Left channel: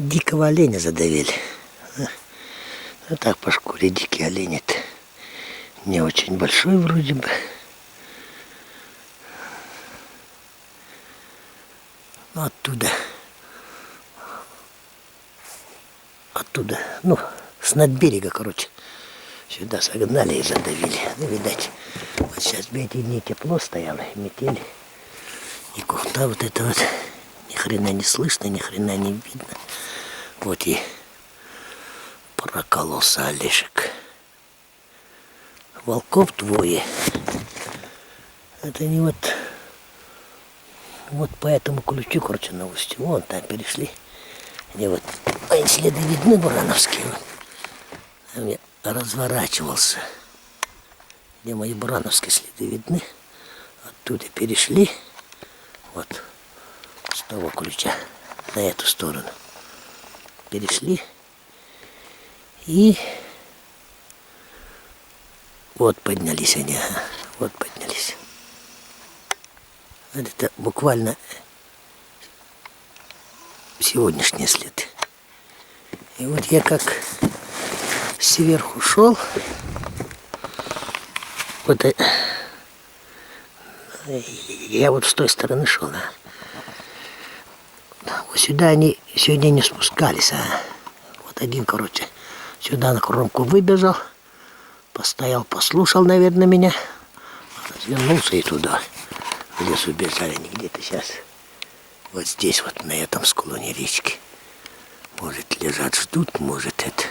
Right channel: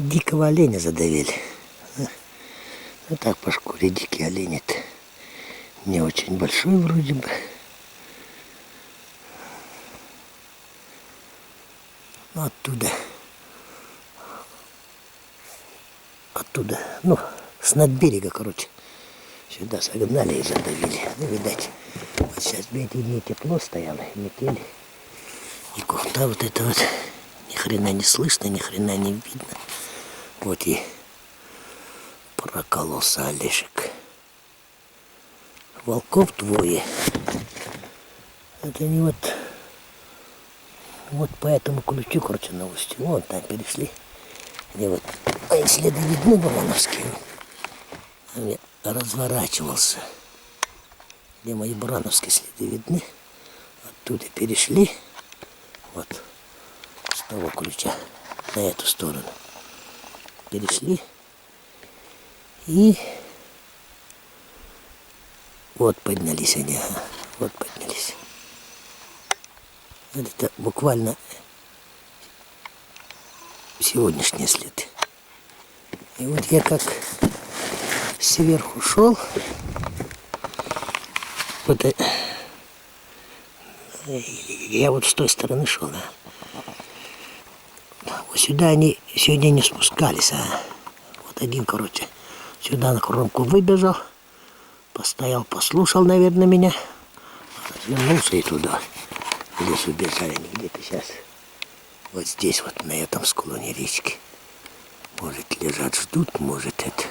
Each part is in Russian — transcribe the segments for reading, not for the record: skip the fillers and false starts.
Дикого оленя задавили. Ну так по шкуре дикий олень-то не очень большой вроде бы. Ну оттуда, ну, с надберега, короче, сюда согнали и задавили. Ну, видать, вот сейчас в эти дни тепло стояло, метели. И кухта вот это вот ни хрена не слышно, ни хрена не видно. Вот и прокололся Олешек. Волков двое. Это не вот по этому ключу, короче, на устье. Вон там перешли. Где вот следы видны бурановские. Там я разворачивался. Где мои бурановские следы видны. Оттуда перешли. Вот с того ключа на эту сторону. Перешли. И вот поднялись они. Вот поднялись. Это буквально сегодняшние следы. И вот я как сверху шел, вот я вот с той стороны шел, вот сюда они сегодня не спускались, вот один, короче, сюда на кромку выбежал, постоял, послушал, наверное, меня, развернулся и туда в лес убежали. Они где-то сейчас вот здесь, вот на этом склоне речки. Может, лежат, ждут, может, это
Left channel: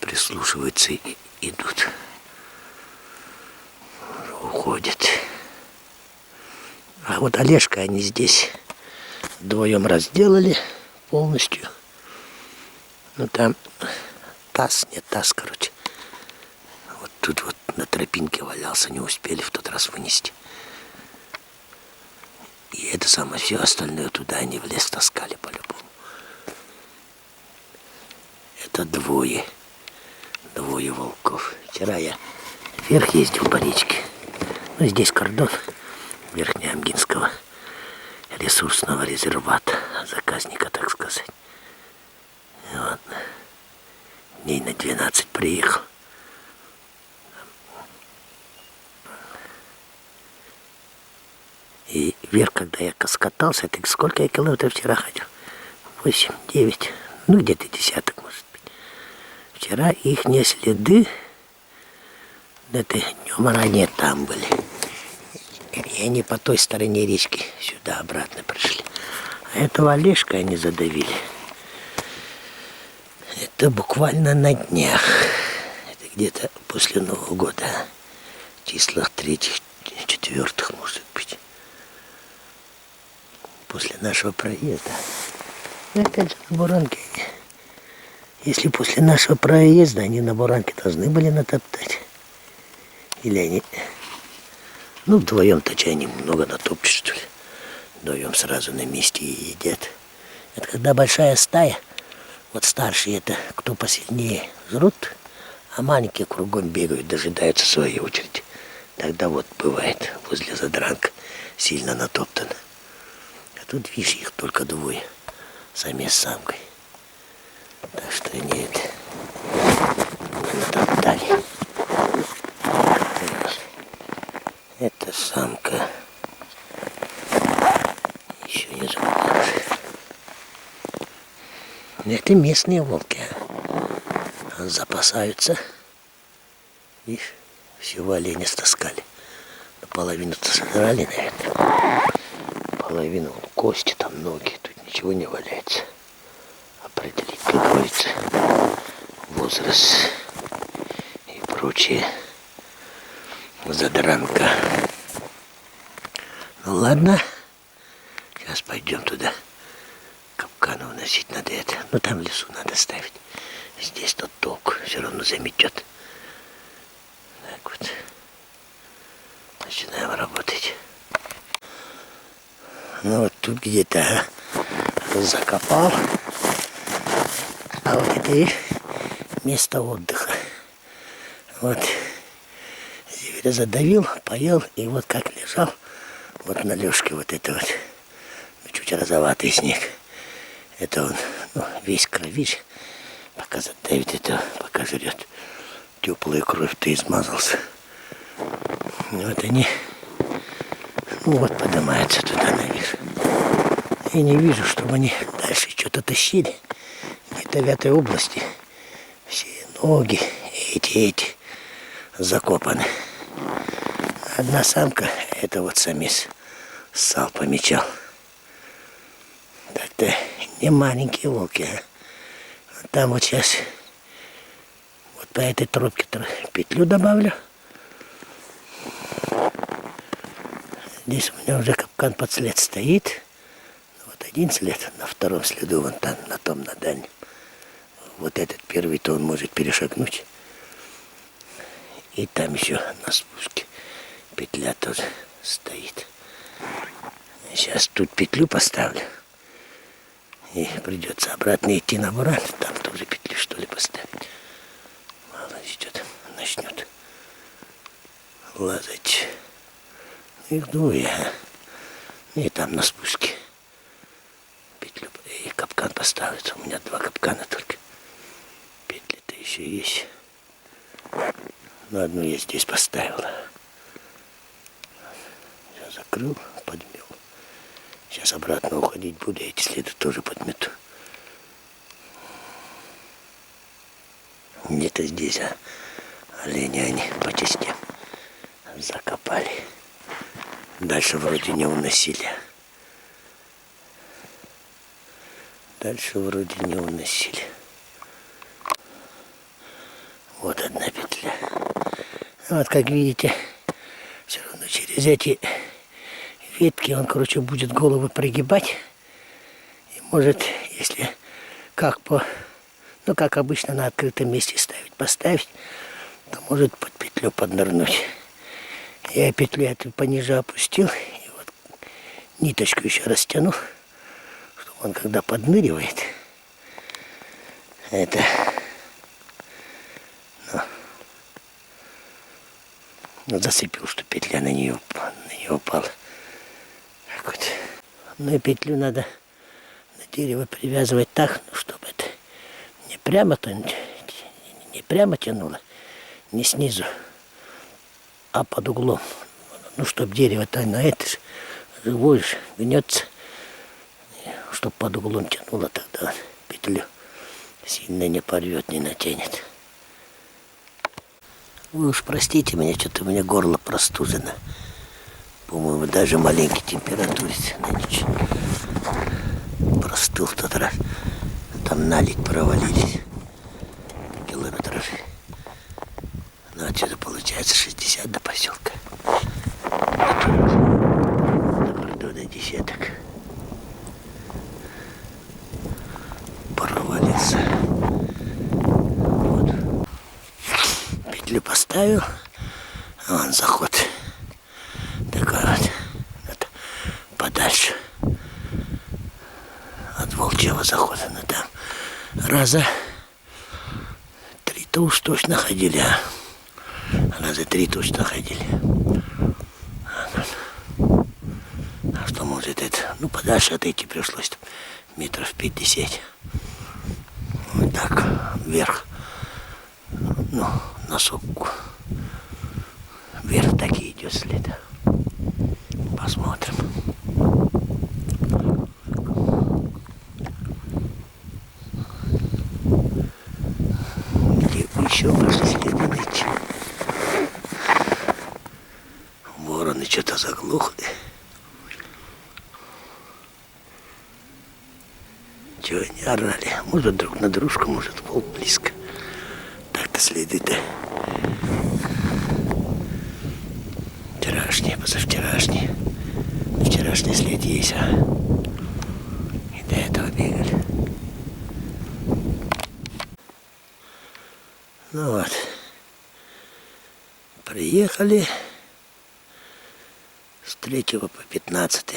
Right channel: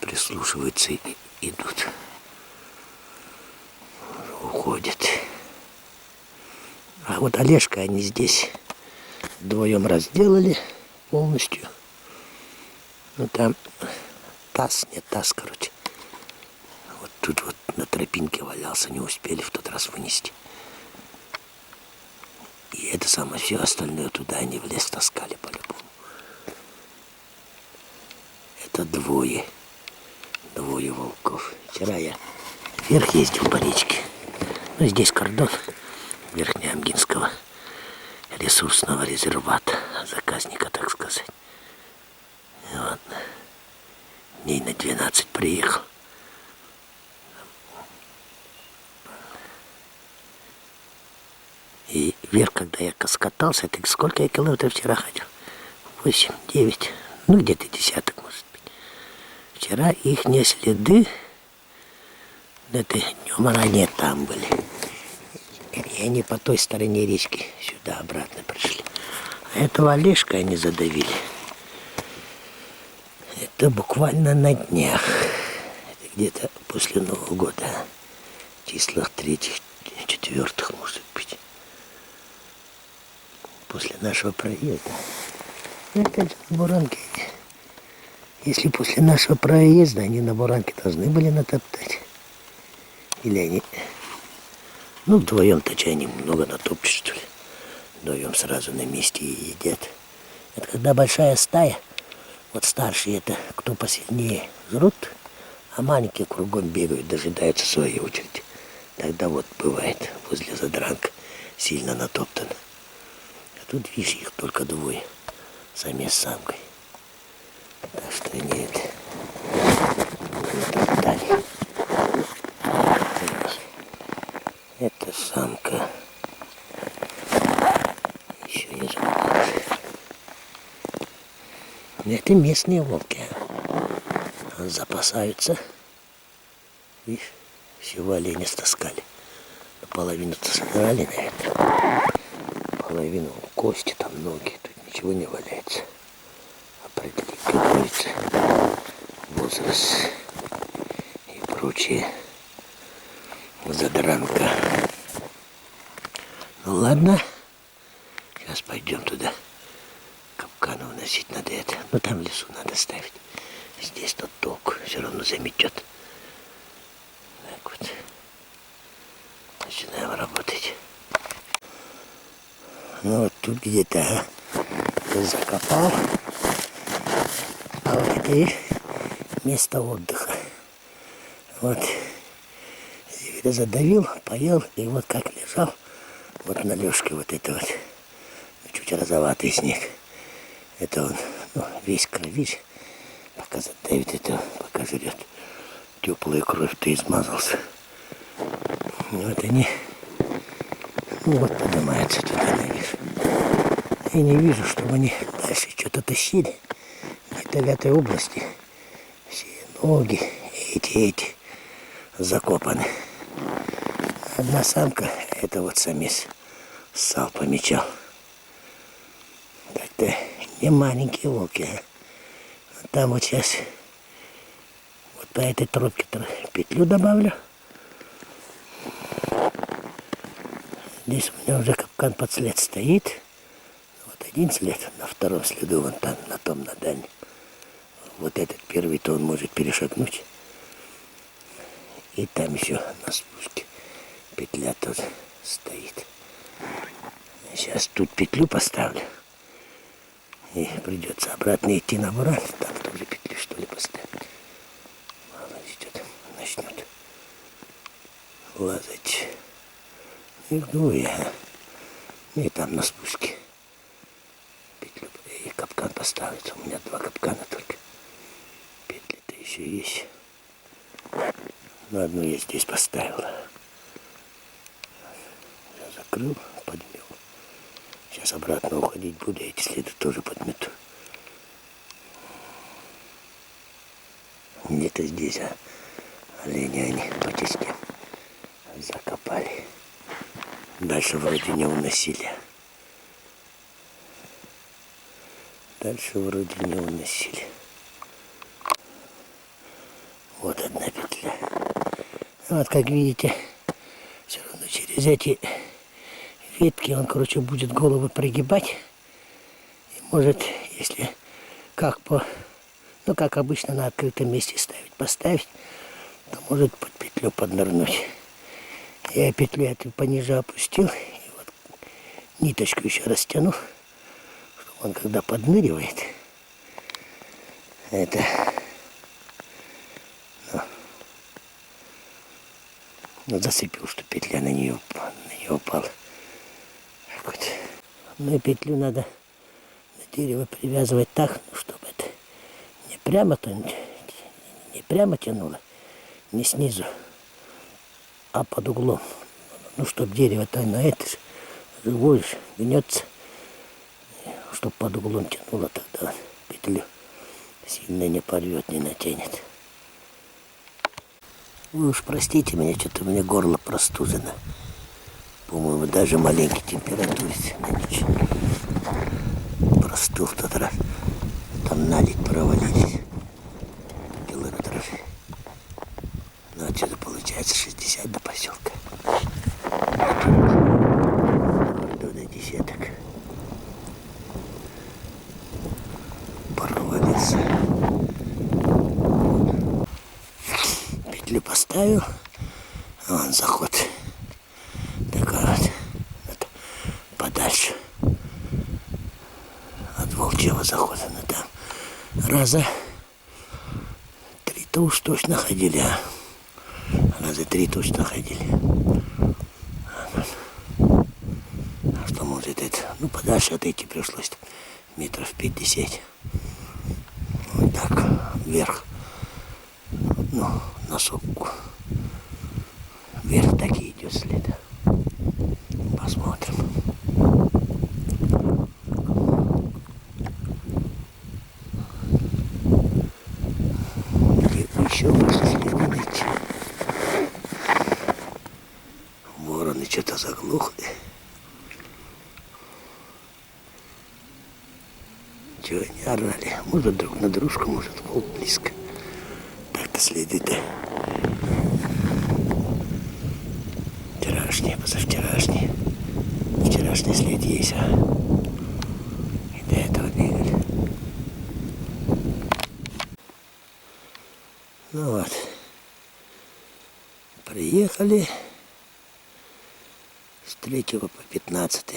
прислушиваются и идут. Уходят. А вот Олежка они здесь вдвоем разделали полностью. Ну там таз, короче. Вот тут вот на тропинке валялся, не успели в тот раз вынести. И это самое, все остальное туда они в лес таскали по-любому. Это двое волков. Вчера я вверх ездил по речке. Ну, здесь кордон Верхнеамгинского ресурсного резервата, заказника, так сказать. И вот, дней на 12 приехал. И вверх, когда я скатался, это сколько я километров вчера ходил? 8, 9, ну где-то десяток, может быть. Вчера их не следы, это днем ранее там были. И они по той стороне речки сюда обратно пришли. А этого Олежка они задавили. Это буквально на днях. Это где-то после Нового года. В числах 3-х, 4-х, может быть. После нашего проезда. Ну, опять же, на Буранке. Если после нашего проезда они на Буранке должны были натоптать. Или они... Ну, вдвоем-то они много натопчут, что ли. Вдвоем сразу на месте и едят. Это когда большая стая, вот старшие это, кто посильнее, жрут, а маленькие кругом бегают, дожидаются своей очереди. Тогда вот бывает возле задранка сильно натоптано. А тут, видишь, их только двое. Самец с самкой. Так что они это натоптали. Это самка. Еще не заморожена. Это местные волки. Запасаются. Видишь, всего оленя стаскали. Половину-то сожрали, наверное. Половину кости, там ноги. Тут ничего не валяется. Определить требуется возраст и прочее. Задранка. Ну ладно. Сейчас пойдем туда. Капканы уносить надо это. Ну там в лесу надо ставить. Здесь тот толк. Все равно заметет. Так вот. Начинаем работать. Ну вот тут где-то закопал. А вот это и место отдыха. Вот. Зверя задавил, поел, и вот как лежал, вот на лёжке вот это вот, чуть розоватый снег. Это он Ну, весь кровишь. Пока задавит это, пока жрет. Теплая кровь-то измазался. Вот они, ну вот, поднимаются туда наверх. И не вижу, чтобы они дальше что-то тащили. Где-то в этой области все ноги эти закопаны. Одна самка, это вот самец ссал, помечал. Так-то не маленькие волки, а. Там вот сейчас вот по этой трубке петлю добавлю. Здесь у меня уже капкан под след стоит. Вот один след, на втором следу, вон там, на том, на дальнем. Вот этот первый-то он может перешагнуть. И там еще на спуске петля тоже стоит. Сейчас тут петлю поставлю. И придется обратно идти на буран. Там тоже петлю, что ли, поставить. Мало ли что-то начнет лазать. Их двое. И там на спуске петлю и капкан поставить. У меня 2 капкана только. Петли-то еще есть. Но одну я здесь поставил. Я закрыл, подмел. Сейчас обратно уходить буду, эти следы тоже подмету. Где-то здесь, олени они по частям закопали. Дальше вроде не уносили. Дальше вроде не уносили. Вот одна петля. Вот как видите, все равно через эти ветки он, короче, будет голову прогибать. И может, если как ну как обычно на открытом месте поставить, то может под петлю поднырнуть. Я петлю эту пониже опустил, и вот ниточку еще растянул, чтобы он когда подныривает, это зацепил, что петля на нее упала. Так вот. Ну и петлю надо на дерево привязывать так, ну, чтобы это не прямо тянуло, не снизу, а под углом. Ну, чтобы дерево-то на это же живое же гнется, чтобы под углом тянуло, тогда петлю сильно не порвет, не натянет. Вы уж простите меня, что-то у меня горло простужено. По-моему, даже маленький температуре на ночь. Простыл в тот раз. Там наледь провалились. Километров. Ну, отсюда получается 60 до поселка. До кордона десяток. Провалился. Вот. Петлю поставил. Вон заход. Такой вот. Это подальше от волчьего захода. Ну там раза 3-то уж точно ходили. Раза 3 точно ходили. А что может это? Ну подальше отойти пришлось. Метров 50. Вот так вверх. Ну, на сопку. Вверх так и идет след. Посмотрим. Где еще ваши следы найти? Вороны что-то заглохли. Чего они орали? Может друг на дружку, может волк близко. Так-то следы-то вчерашние, позавчерашние. Вчерашний след есть, а и до этого бегали. Ну вот, приехали с 3 по 15.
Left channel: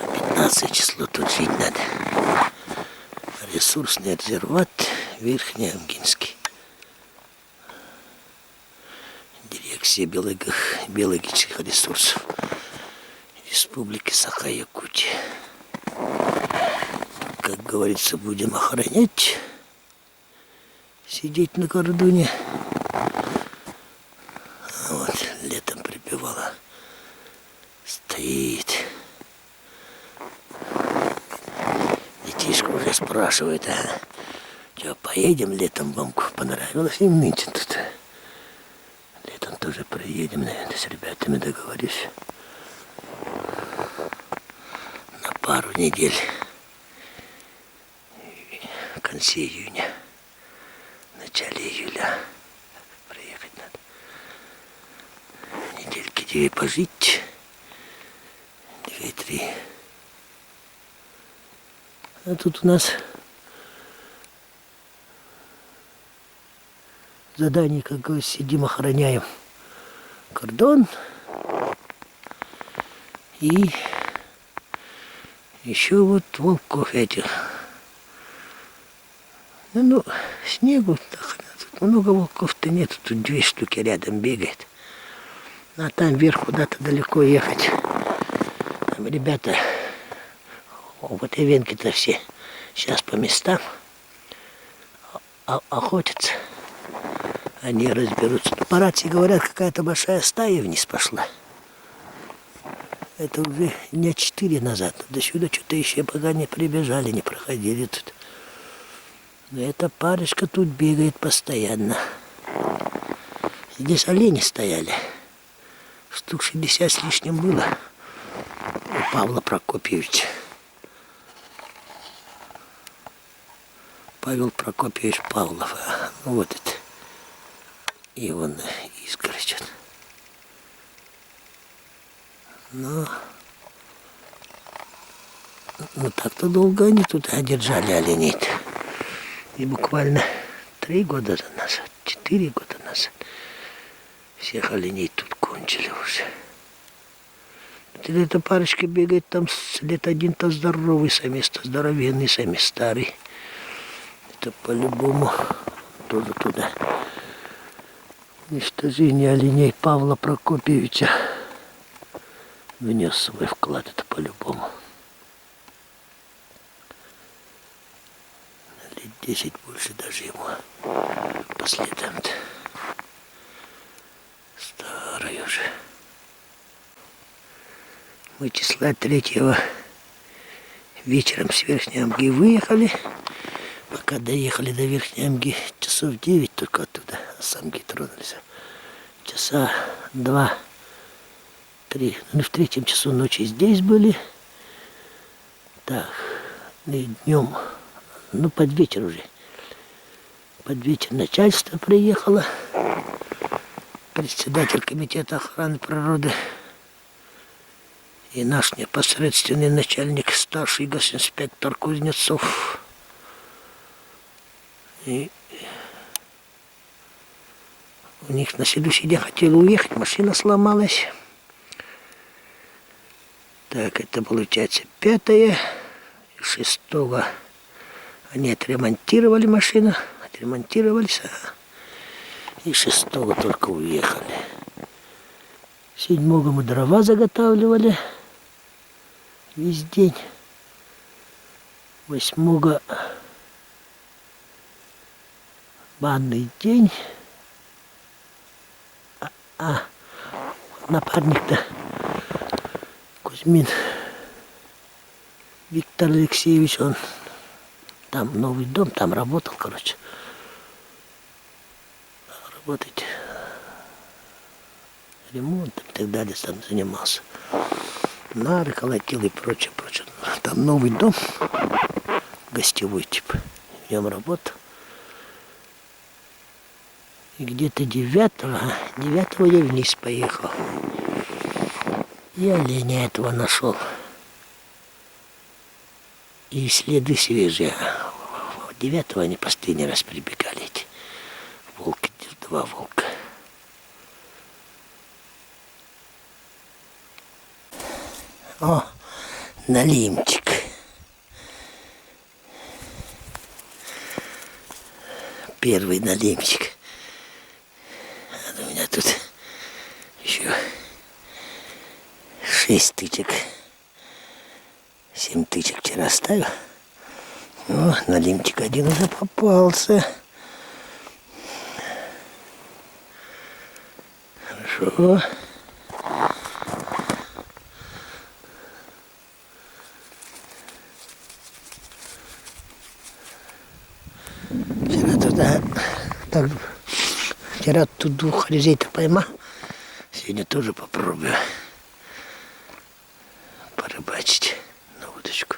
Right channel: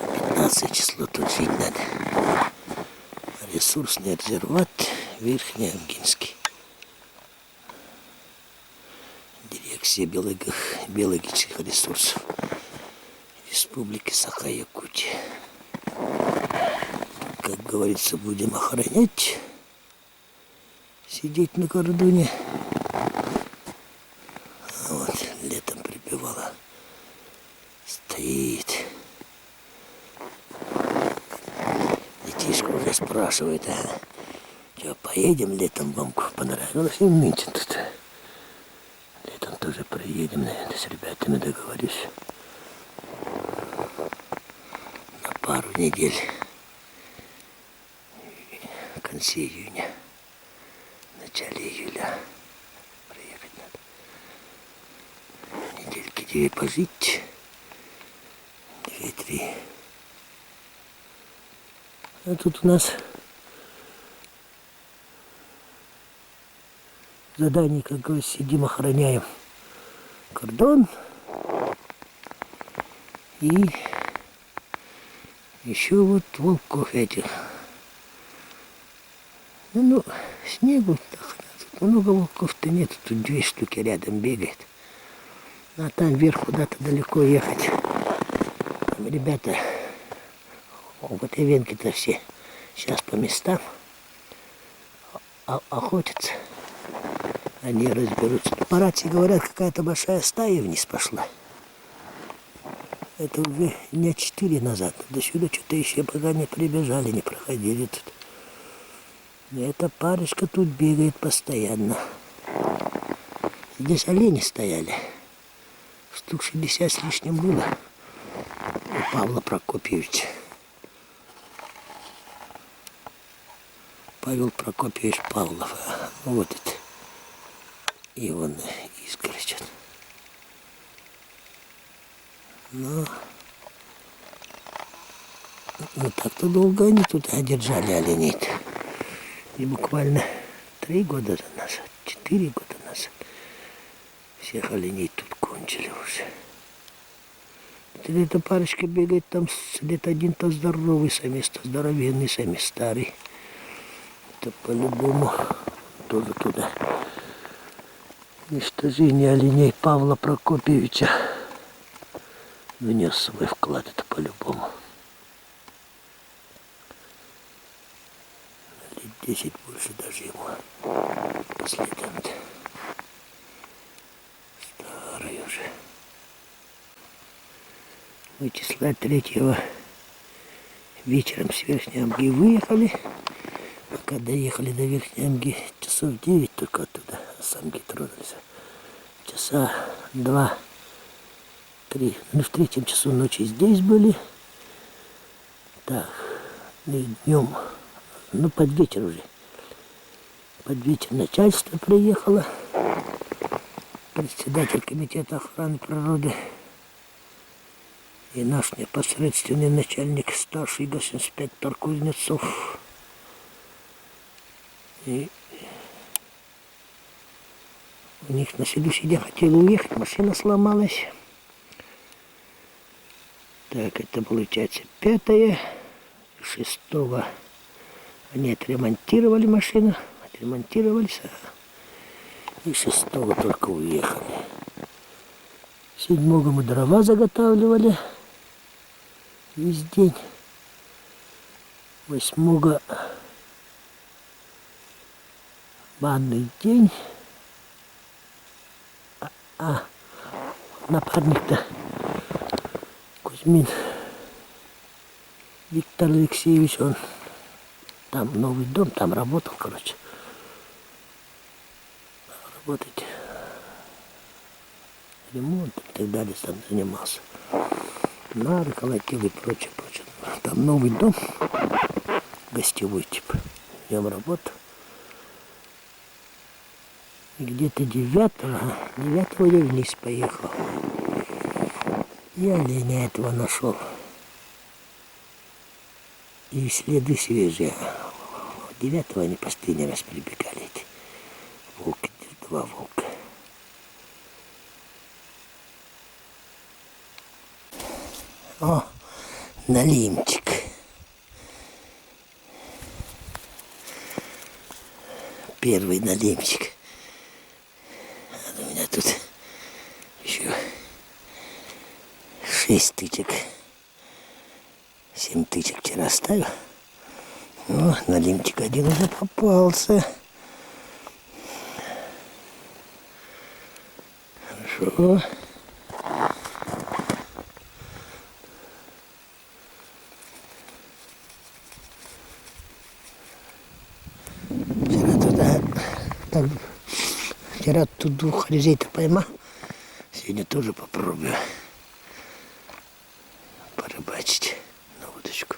По 15 число тут жить надо. Ресурсный резерват Верхнеангинский. Дирекция биологических ресурсов Республики Саха-Якутия. как говорится, будем охранять. Сидеть на кордоне. Вот, летом прибивала. Стоит. Детишка уже спрашивает, а что, поедем летом вам понравилось им нынче тут? Летом тоже проедем, наверное, с ребятами договорюсь. На пару недель. В конце июня. В начале июля. Приехать надо. Недельки 2 пожить. 2-3. А тут у нас задание, как говорится, сидим, охраняем кордон. И еще вот волков этих. Ну, снегу, тут много волков-то нет, тут 2 штуки рядом бегает. А там вверх куда-то далеко ехать. Там ребята, в этой венке-то все сейчас по местам охотятся. Они разберутся. По рации говорят, какая-то большая стая вниз пошла. Это уже дня 4 назад. До сюда что-то еще пока не прибежали, не проходили тут. Но эта парочка тут бегает постоянно. Здесь олени стояли. Штук 60 с лишним было у Павла Прокопьевича. Павел Прокопьевич Павлов. Вот это. И вон изгородь. Но так-то долго они тут держали оленей-то. И буквально 3 года назад, 4 года назад всех оленей тут кончили уже. Вот эта парочка бегает там лет один-то здоровый самец, то здоровенный самец, старый. Это по-любому тоже туда. Уничтожение оленей Павла Прокопьевича внес свой вклад, это по-любому. Лет 10 больше даже ему по следам-то. Старый уже. Мы числа 3 вечером с Верхней Амги выехали. Пока доехали до Верхней Амги, часов 9 только оттуда, а с Амги тронулись. Часа 2-3. Ну, в 3 часу ночи здесь были. Так, и днем, ну, под вечер уже. Под вечер начальство приехало. Председатель комитета охраны природы. И наш непосредственный начальник, старший госинспектор Кузнецов. И у них на следующий день хотели уехать, машина сломалась. Так, это получается 5-е. 6-го они отремонтировали машину, отремонтировались, и 6-го только уехали. 7-го мы дрова заготавливали весь день. 8-го банный день. Напарник-то Кузьмин Виктор Алексеевич, он там новый дом, там работал, короче. Работать ремонтом и так далее, там занимался. Нары колотил и прочее, прочее. Там новый дом, гостевой типа, в нем работал. И где-то 9-го я вниз поехал. И оленя этого нашел. И следы свежие. 9-го они последний раз прибегали, эти волки, 2 волка. О, налимчик. Первый налимчик. У меня тут еще 6 тычек. 7 тычек вчера ставил. О, налимчик один уже попался. Хорошо. Вчера тут двух резей-то поймал. Сегодня тоже попробую порыбачить на удочку.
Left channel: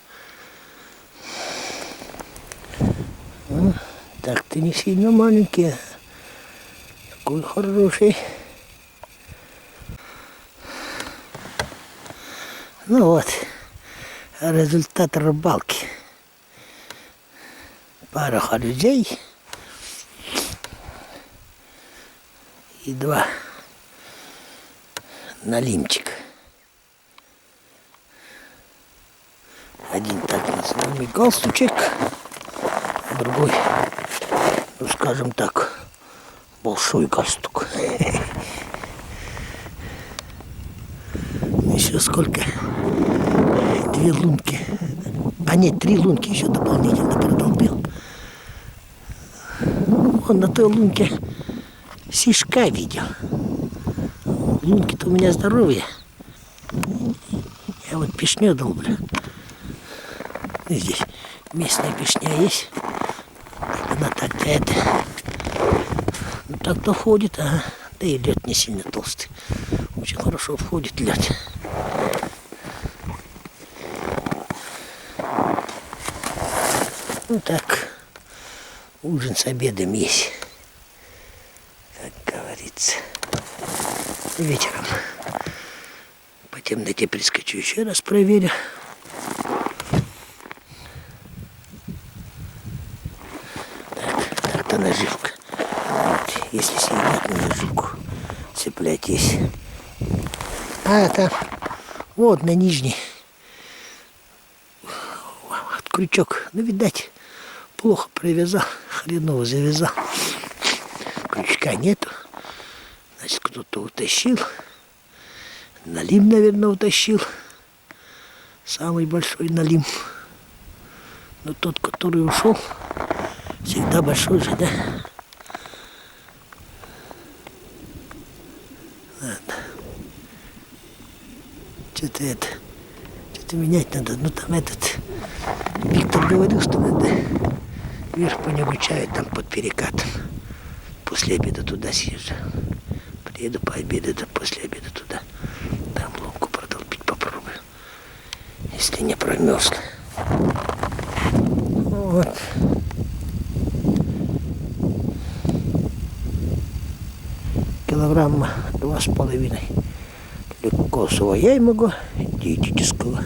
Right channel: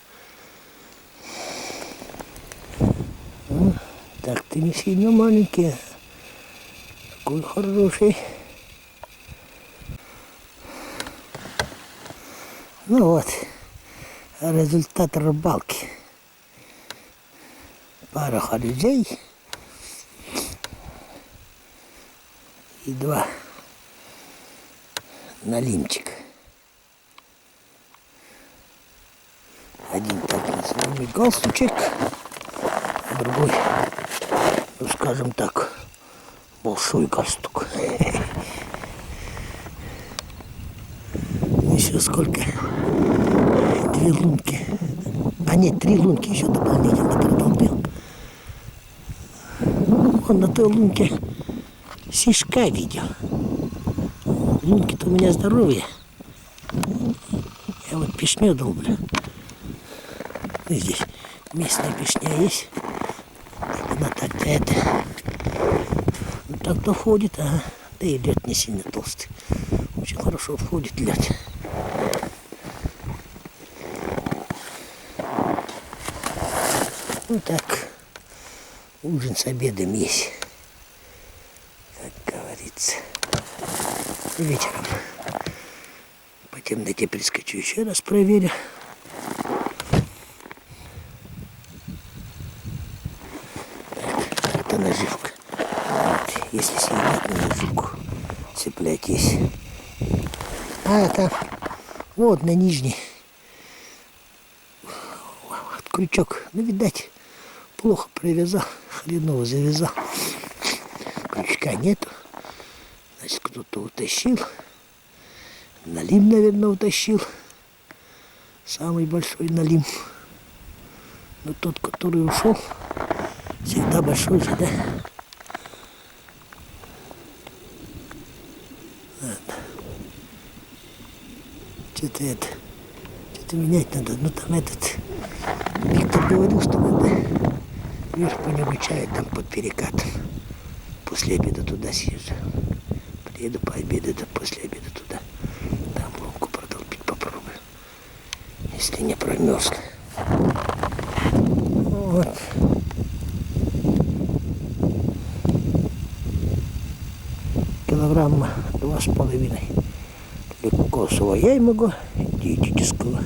Так, ты не сильно маленький, такой хороший. Ну вот, результат рыбалки. Пара халюзей и 2 налимчика. Один так называемый галстучек, а другой, ну скажем так, большой галстук. Еще сколько? 2 лунки. А нет, 3 лунки еще дополнительно продолбил. Он на той лунке сишка видел. Лунки-то у меня здоровые. Я вот пешню долблю. Здесь местная пешня есть. Она так-то это... Ну так-то входит, ага. Да и лед не сильно толстый. Очень хорошо входит лед. Ну так, ужин с обедом есть, как говорится. Вечером по темноте прискочу, еще раз проверю. Так, это наживка. Вот, если сидеть на наживку, цеплять есть. А это вот на нижней. Крючок, ну видать, плохо привязал, хреново завязал. Крючка нету. Значит, кто-то утащил. Налим, наверное, утащил. Самый большой налим. Но тот, который ушел, всегда большой же, да? Ладно. Что-то менять надо. Ну там этот... Виктор говорил, что надо вверх по небу чаю там под перекатом. После обеда туда съезжу. Приеду пообедать, да после обеда туда. Там лунку продолбить попробую. Если не промерзла. Вот. Килограмма 2,5. Легко своя могу, диетического.